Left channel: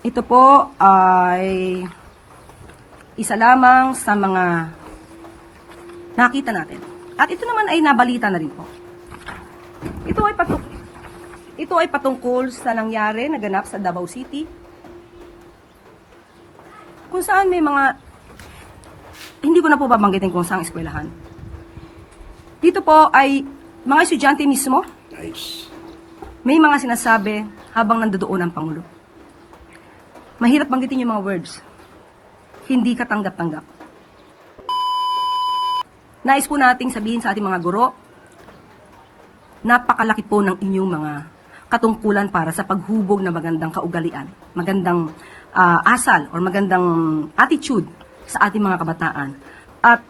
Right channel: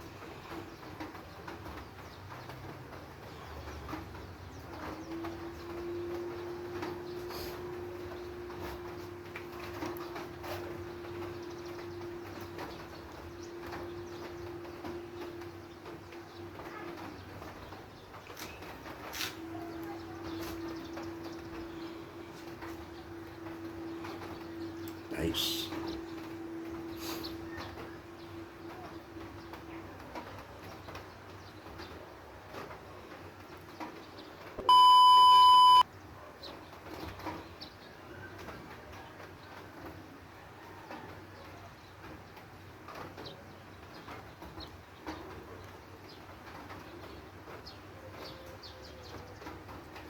Ito po ay isa lamang sa mga nakita natin. At ito naman ay nabalita na rin po. Ito ay patungkol sa nangyari, naganap sa Davao City, kung saan may mga, hindi ko na po babanggitin kung saan eskwelahan. Dito po ay mga estudyante mismo, Nice. may mga sinasabi habang nandoon ang Pangulo. Mahirap banggitin yung mga words. Hindi katanggap-tanggap. Nais po nating sabihin sa ating mga guro, napakalaki po ng inyong mga katungkulan para sa paghubog ng magandang kaugalian, magandang asal or magandang attitude sa ating mga kabataan. At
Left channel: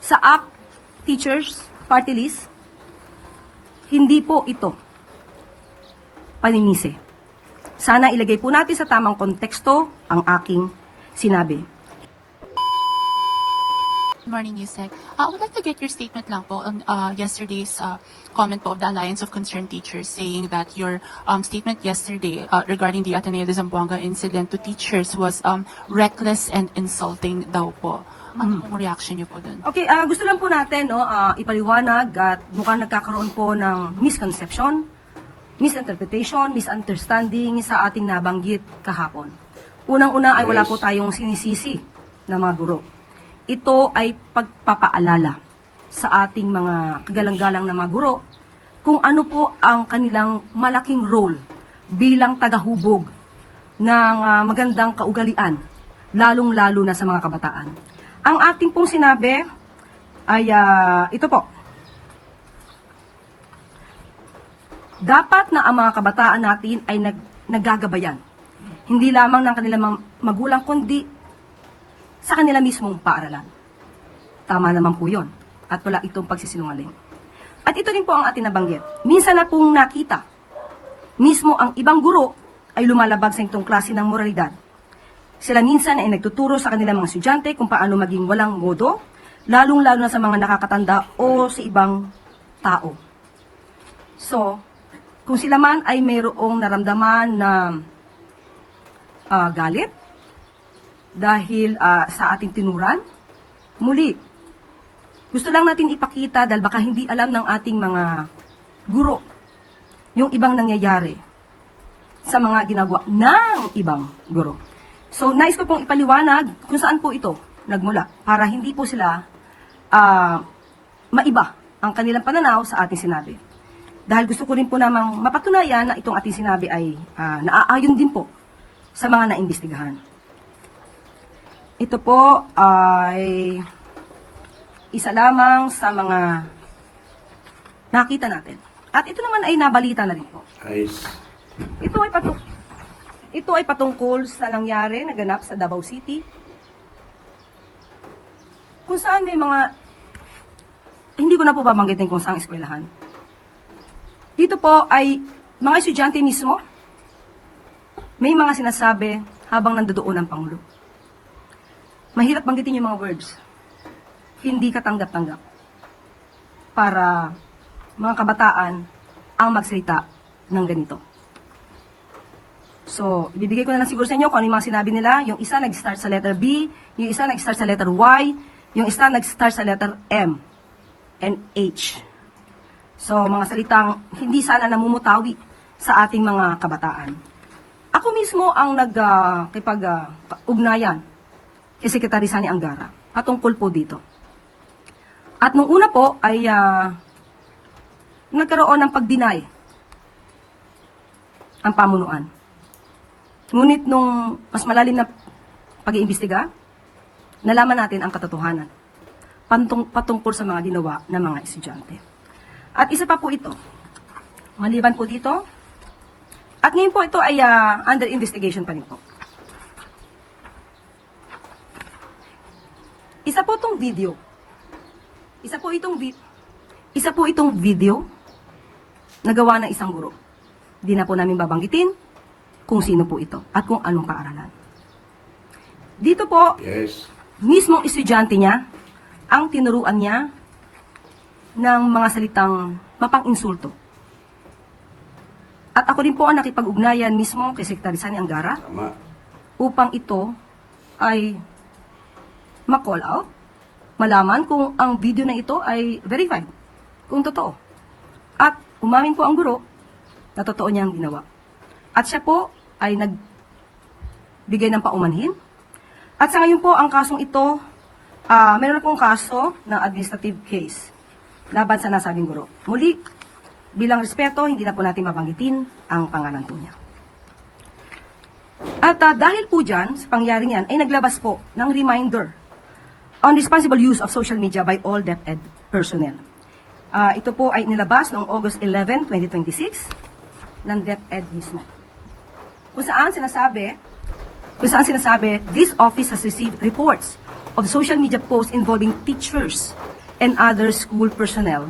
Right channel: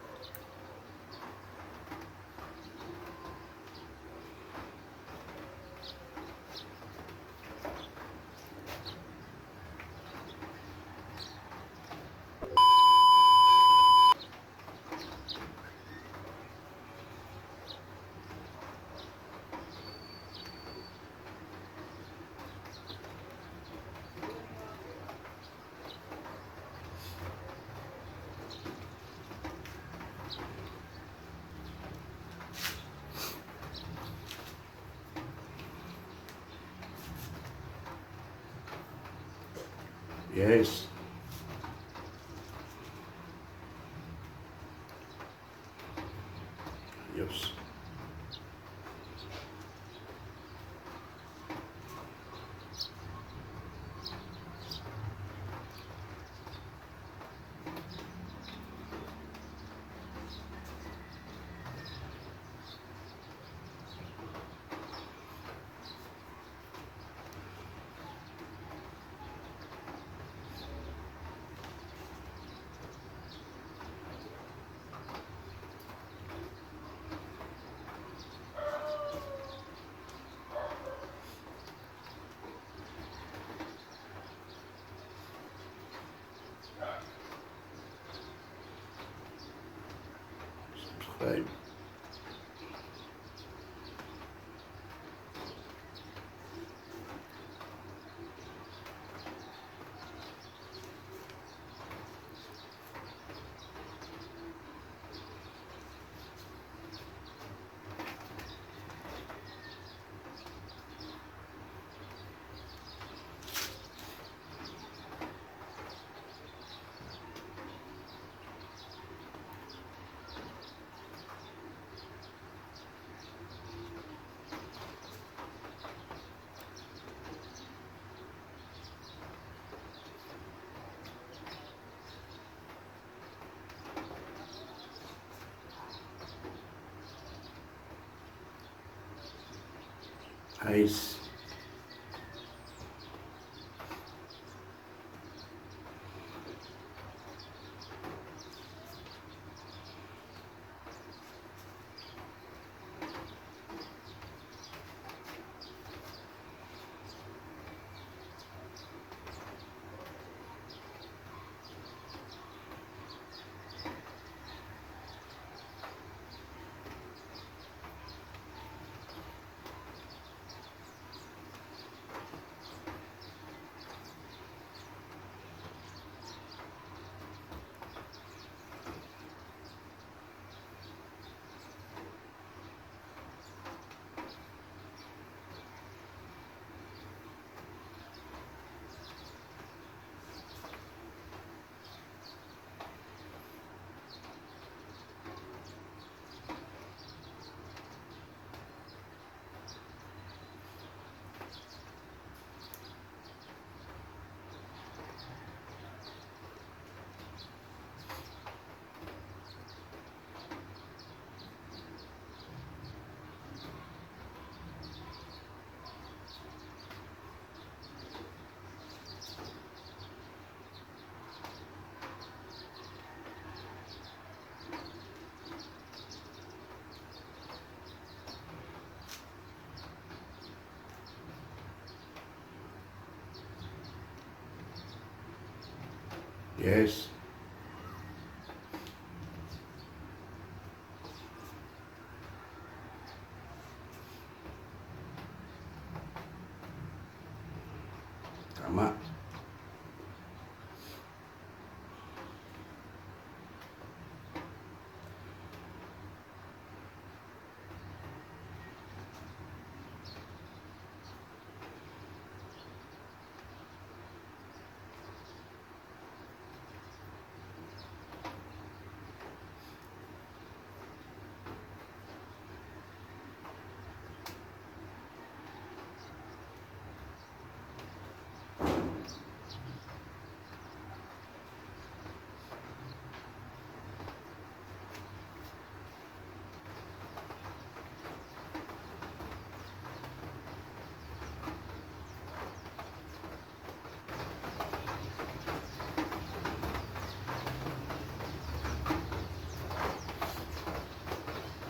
sa ACT Teachers Party List, hindi po ito paninisi. Sana ilagay po natin sa tamang konteksto ang aking sinabi. Good morning, Yusek. I would like to get your statement lang po on yesterday's comment po of the Alliance of Concerned Teachers saying that your statement yesterday regarding the Ateneo de Zamboanga incident to teachers was reckless and insulting daw po. Ano pong reaction niyo po dun? Okay, gusto lang po natin ipaliwanag at mukhang nagkakaroon po ng misconception, misinterpretation, misunderstanding sa ating nabanggit kahapon. Unang-una ay wala Yes. po tayong sinisisi ng mga guro. Ito ay pagpapaalala sa ating mga kagalang-galang na mga guro kung ano po ang kanilang malaking role bilang tagahubog ng magandang kaugalian, lalong-lalo na sa mga kabataan. Ang ating pong sinabi ay ito po. Dapat na ang mga kabataan natin ay naggagabayan. Hindi lamang ng kanilang mga magulang, kundi sa kanila mismong paaralan. Tama naman po yun. At wala itong pagsisinungaling. At ito rin po ang ating nabanggit. Minsan na pong nakita, mismo ang ibang guro ay lumalabag sa itong klase ng moralidad. Sila minsan ay nagtuturo sa kanilang mga estudyante kung paano maging walang modo, lalong-lalo na sa mga nakakatanda o sa ibang tao. So, kung sila man ay mayroong naramdaman na galit dahil sa ating tinuran, muli, gusto lang natin ipakita dahil baka hindi alam ng ating mga guro yung ibang nangyayari sa mga ginagawa ng ibang guro. So, nais ko pong ipaliwanag kung saan po ito nagmula para hindi po sila maiba ang kanilang pananaw sa ating sinabi. Dahil gusto ko rin po namang mapatunayan na itong ating sinabi ay naaayon din po sa mga naimbestigahan. Ito po ay isa lamang sa mga nakita natin. At ito naman ay nabalita na rin po. Nice. Ito ay patungkol sa nangyari, naganap sa Davao City, kung saan may mga, hindi ko na po babanggitin kung saan eskwelahan. Dito po ay mga estudyante mismo, may mga sinasabi habang nandoon ang Pangulo. Mahirap banggitin yung mga words. Hindi katanggap-tanggap. Para mga kabataan ang magsalita ng ganito. So, ibibigay ko na lang siguro sa inyo kung ano yung mga sinabi nila. Yung isa nag-start sa letter B, yung isa nag-start sa letter Y, yung isa nag-start sa letter M and H. So, mga salitang hindi sana namumutawi sa ating mga kabataan. Ako mismo ang nagkipag-ugnayan kay Secretary Sani Angara patungkol po dito. At nung una po ay nagkaroon ng pag-deny ang pamunuan. Ngunit nung mas malalim na pag-iimbestiga, nalaman natin ang katotohanan patungkol sa mga ginawa ng mga estudyante. At isa pa po ito, maliban po dito, at ngayon po ito ay under investigation pa rin po. Isa po itong video. Isa po itong video na gawa ng isang guro. Di na po namin babanggitin kung sino po ito at kung anong paaralan. Dito po, Yes. mismong estudyante niya ang tinuruan niya ng mga salitang mapang-insulto. At ako rin po ang nakipag-ugnayan mismo kay Secretary Sani Angara Tama. upang ito ay ma-call out, malaman kung ang video na ito ay verified, kung totoo. At umamin po ang guro na totoo niyang ginawa. At siya po ay nagbigay ng paumanhin. At sa ngayon po, ang kasong ito, meron pong kaso ng administrative case laban sa nasabing guro. Muli, bilang respeto, hindi na po natin mabanggitin ang pangalan po niya. At dahil po dyan, sa pangyaring yan, ay naglabas po ng reminder on responsible use of social media by all DepEd personnel. Ito po ay nilabas noong August 11, 2026 ng DepEd mismo. Kung saan sinasabi, this office has received reports of social media posts involving teachers and other school personnel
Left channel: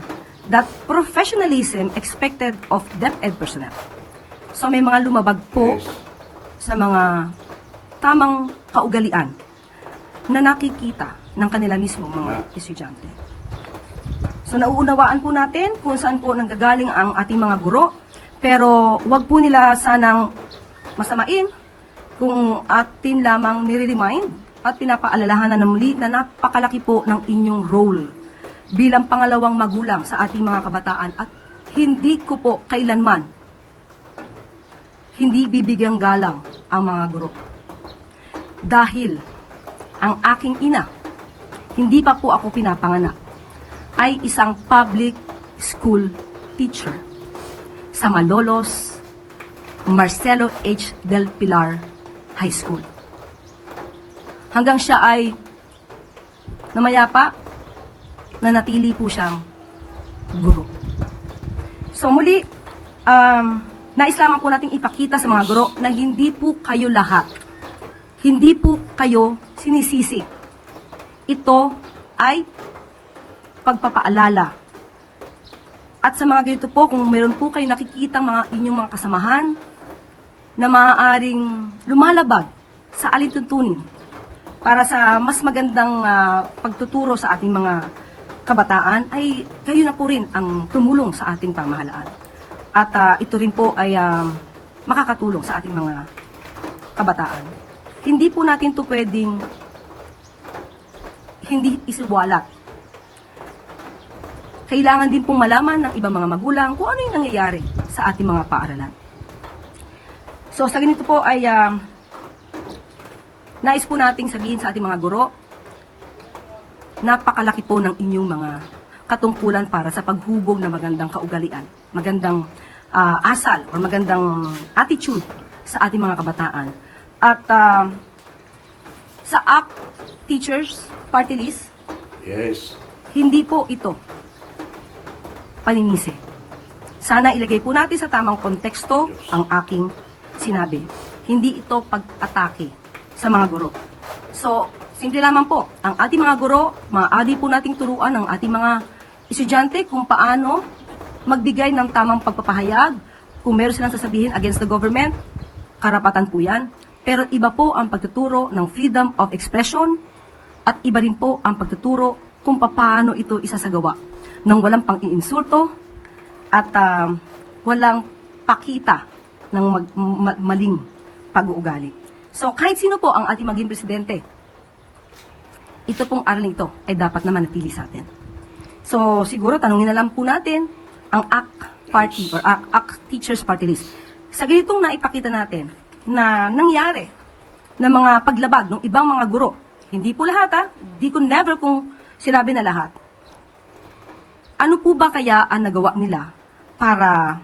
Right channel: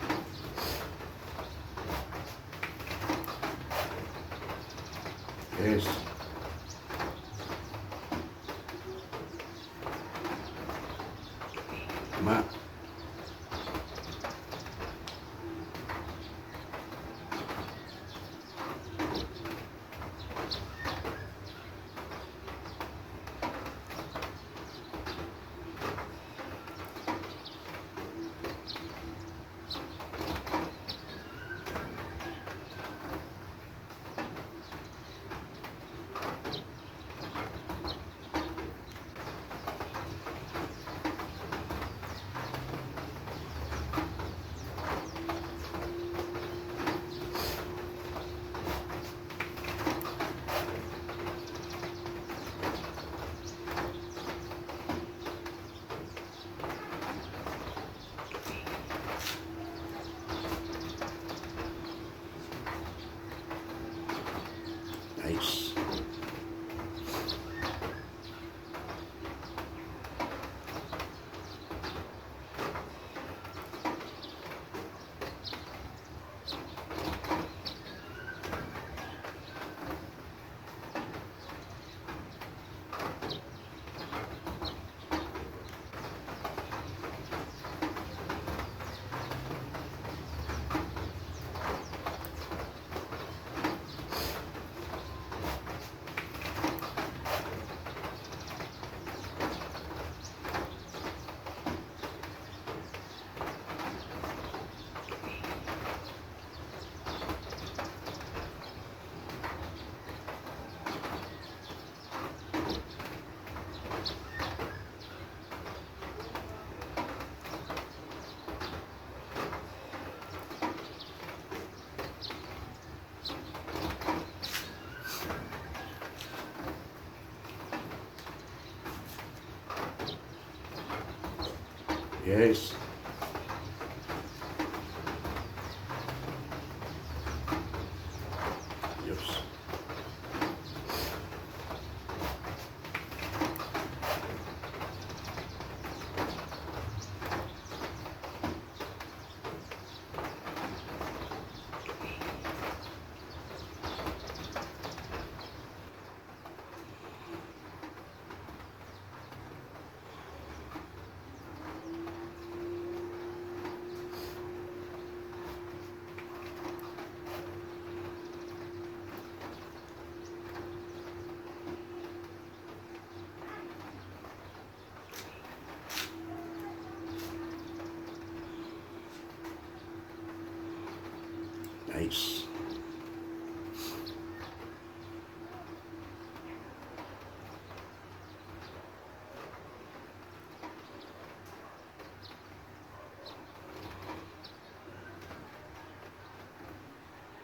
that professionalism expected of DepEd personnel. So may mga lumabag po Yes. sa mga tamang kaugalian na nakikita ng kanila mismo mga estudyante. So nauunawaan po natin kung saan po nanggagaling ang ating mga guro, pero wag po nila sanang masamain kung atin lamang nire-remind at pinapaalalahanan na muli na napakalaki po ng inyong role bilang pangalawang magulang sa ating mga kabataan at hindi ko po kailanman hindi bibigyang galang ang mga guro. Dahil ang aking ina, hindi pa po ako pinapanganak, ay isang public school teacher sa Malolos, Marcelo H. Del Pilar High School. Hanggang siya ay namayapa, nanatili po siyang guro. So muli, nais lamang po nating ipakita sa mga guro na hindi po kayo lahat, hindi po kayo sinisisi. Ito ay pagpapaalala. At sa mga ganito po, kung meron po kayo nakikita mga inyong mga kasamahan na maaaring lumalabag sa alintuntunin para sa mas magandang pagtuturo sa ating mga kabataan, ay kayo na po rin ang tumulong sa ating pamahalaan. At ito rin po ay makakatulong sa ating mga kabataan. Hindi po natin ito pwedeng hindi isiwalat. Kailangan din pong malaman ng ibang mga magulang kung ano yung nangyayari sa ating mga paaralan. So sa ganito po ay nais po nating sabihin sa ating mga guro, napakalaki po ng inyong mga katungkulan para sa paghubog ng magandang kaugalian, magandang asal o magandang attitude sa ating mga kabataan. At sa ACT Teachers Party List, Yes. hindi po ito paninisi. Sana ilagay po natin sa tamang konteksto Yes. ang aking sinabi. Hindi ito pag-atake sa mga guro. So, simple lamang po, ang ating mga guro, maaari po nating turuan ang ating mga estudyante kung paano magbigay ng tamang pagpapahayag. Kung meron silang sasabihin against the government, karapatan po yan. Pero iba po ang pagtuturo ng freedom of expression at iba rin po ang pagtuturo kung paano ito isasagawa nang walang pang-iinsulto at walang pakita ng maling pag-uugali. So kahit sino po ang ating maging presidente, ito pong araling ito ay dapat na manatili sa atin. So siguro tanungin na lang po natin ang ACT Party or ACT Teachers Party List. Sa ganitong naipakita natin na nangyari na mga paglabag ng ibang mga guro, hindi po lahat di ko never kung sinabi na lahat. Ano po ba kaya ang nagawa nila para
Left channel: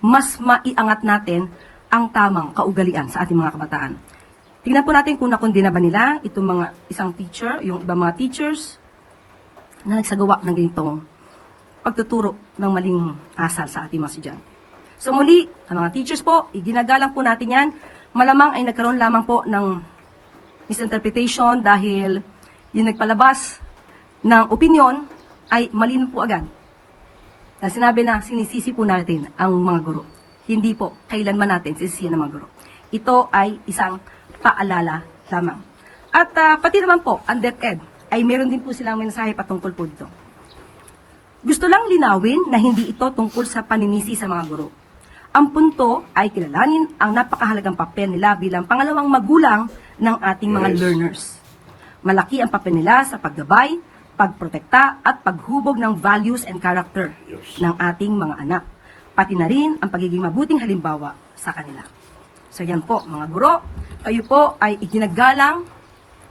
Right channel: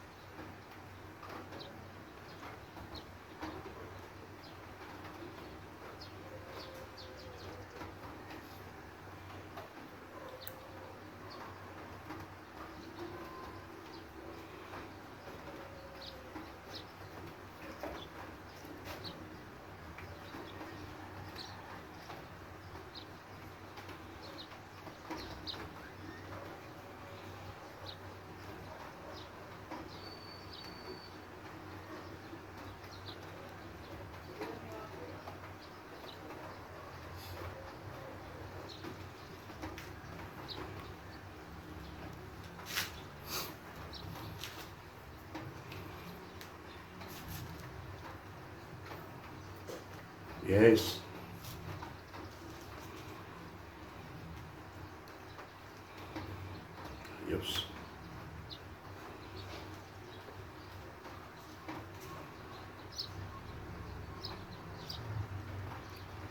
mas maiangat natin ang tamang kaugalian sa ating mga kabataan? Tingnan po natin kung nakondena ba nila itong mga isang teacher, yung ibang mga teachers na nagsagawa ng ganitong pagtuturo ng maling asal sa ating mga estudyante. So muli, ang mga teachers po, iginagalang po natin yan. Malamang ay nagkaroon lamang po ng misinterpretation dahil yung nagpalabas ng opinion ay malino po agad. Na sinabi na sinisisi po natin ang mga guro. Hindi po kailanman natin sisisihin ang mga guro. Ito ay isang paalala lamang. At pati naman po, ang DepEd ay meron din po silang mensahe patungkol po dito. Gusto lang linawin na hindi ito tungkol sa paninisi sa mga guro. Ang punto ay kilalanin ang napakahalagang papel nila bilang pangalawang magulang ng ating mga learners. Malaki ang papel nila sa paggabay, pagprotekta at paghubog ng values and character ng ating mga anak. Pati na rin ang pagiging mabuting halimbawa sa kanila. So yan po mga guro, kayo po ay iginagalang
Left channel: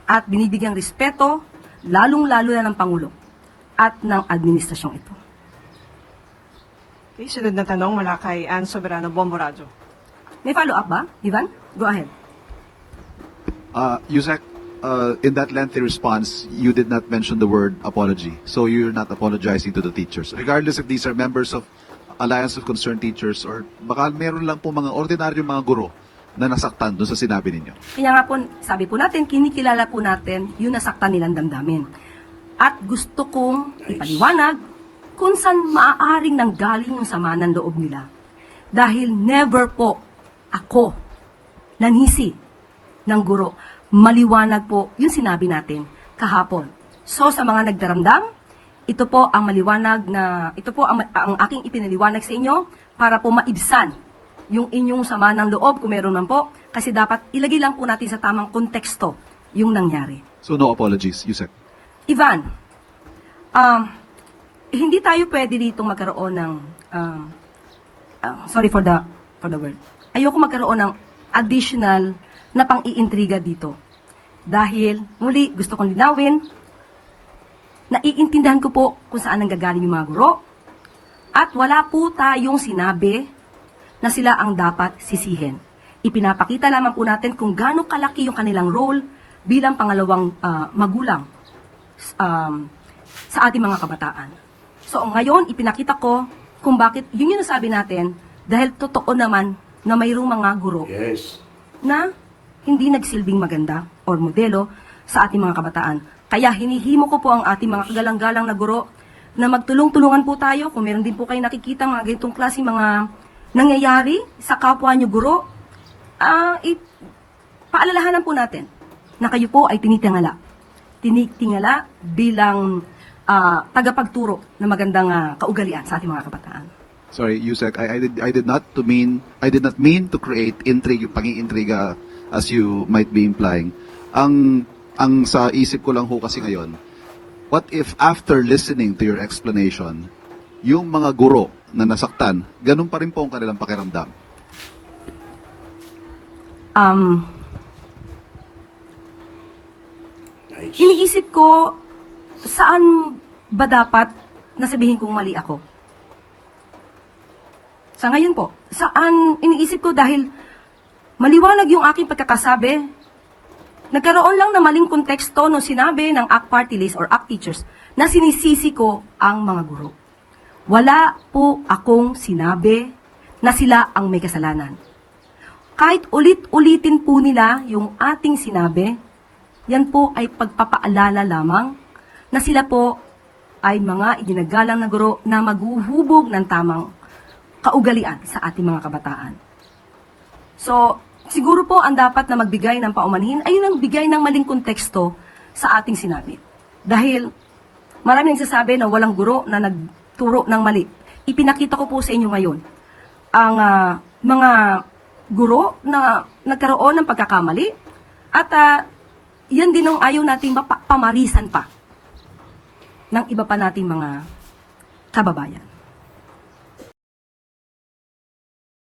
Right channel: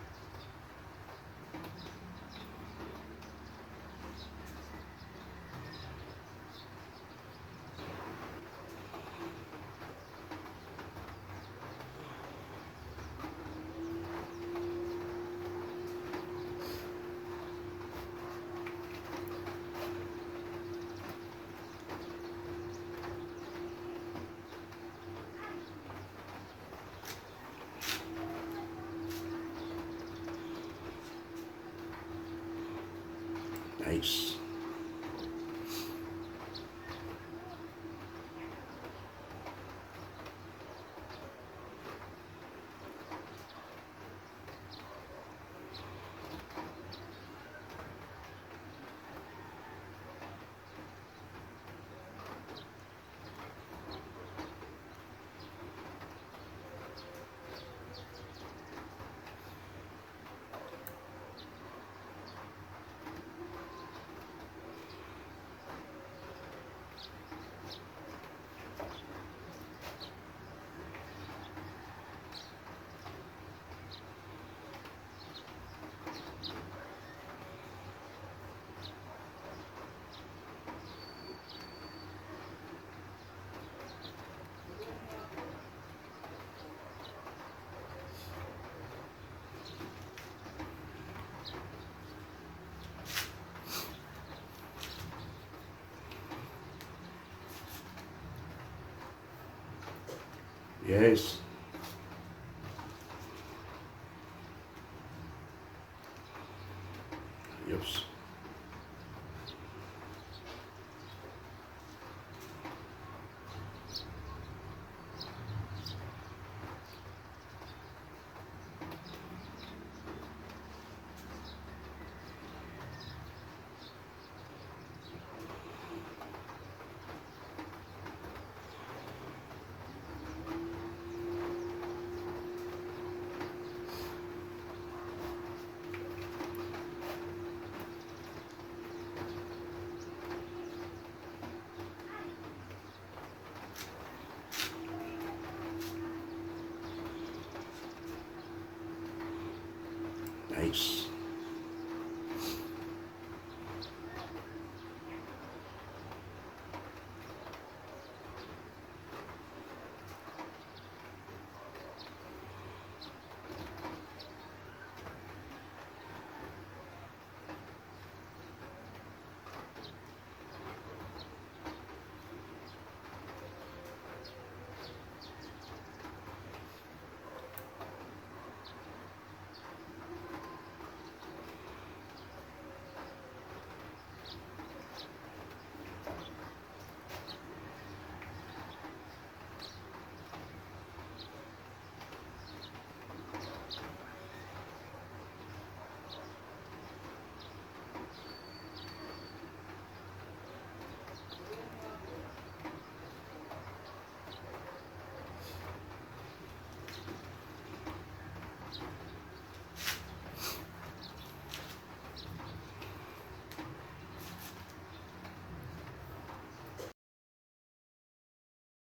at binibigyang respeto, lalong-lalo na ng Pangulo at ng administrasyong ito. Okay, sunod na tanong mula kay Ann Soberano Bomborado. May follow-up ba, Ivan? Go ahead. Yusek, in that lengthy response, you did not mention the word apology. So you're not apologizing to the teachers. Regardless if these are members of Alliance of Concerned Teachers or baka meron lang po mga ordinaryong mga guro na nasaktan doon sa sinabi ninyo. Kaya nga po, sabi po natin, kinikilala po natin yung nasaktan nilang damdamin. At gusto kong ipaliwanag kung saan maaaring nanggaling yung sama ng loob nila. Dahil never po ako nanisi ng guro. Maliwanag po yung sinabi natin kahapon. So sa mga nagdaramdam, ito po ang maliwanag na, ito po ang aking ipinaliwanag sa inyo para po maibsan yung inyong sama ng loob kung meron man po. Kasi dapat ilagay lang po natin sa tamang konteksto yung nangyari. So no apologies, Yusek. Ivan, hindi tayo pwede dito magkaroon ng, sorry for the word. Ayoko magkaroon ng additional na pang-iintriga dito. Dahil, muli, gusto kong linawin, naiintindihan ko po kung saan nanggagaling yung mga guro, at wala po tayong sinabi na sila ang dapat sisihin. Ipinapakita lamang po natin kung gaano kalaki yung kanilang role bilang pangalawang magulang sa ating mga kabataan. So ngayon, ipinakita ko kung bakit, yun yung nasabi natin, dahil totoo naman na mayroong mga guro na hindi nagsilbing maganda or modelo sa ating mga kabataan. Kaya hinihimo ko po ang ating mga kagalang-galang na guro na magtulong-tulungan po tayo. Kung meron din po kayo nakikita mga ganitong klase mga nangyayari sa kapwa nyo guro, paalalahanan po natin na kayo po ay tinitingala. Tinitingala bilang tagapagturo ng magandang kaugalian sa ating mga kabataan. Sorry, Yusek, I did not mean to create intrigue, pang-iintriga as you might be implying. Ang sa isip ko lang ho kasi ngayon, what if after listening to your explanation, yung mga guro na nasaktan, ganun pa rin po ang kanilang pakiramdam? Iniisip ko, saan ba dapat nasabihin kong mali ako? Sa ngayon po, saan iniisip ko dahil maliwanag yung aking pagkakasabi, nagkaroon lang ng maling konteksto nung sinabi ng ACT Party List or ACT Teachers na sinisisi ko ang mga guro. Wala po akong sinabi na sila ang may kasalanan. Kahit ulit-ulitin po nila yung ating sinabi, yan po ay pagpapaalala lamang na sila po ay mga iginagalang na guro na maghuhubog ng tamang kaugalian sa ating mga kabataan. So, siguro po ang dapat na magbigay ng paumanhin ay yung bigay ng maling konteksto sa ating sinabi. Dahil maraming nagsasabi na walang guro na nagturo ng mali. Ipinakita ko po sa inyo ngayon ang mga guro na nagkaroon ng pagkakamali at yan din ang ayaw nating pamarisan pa ng iba pa nating mga kababayan.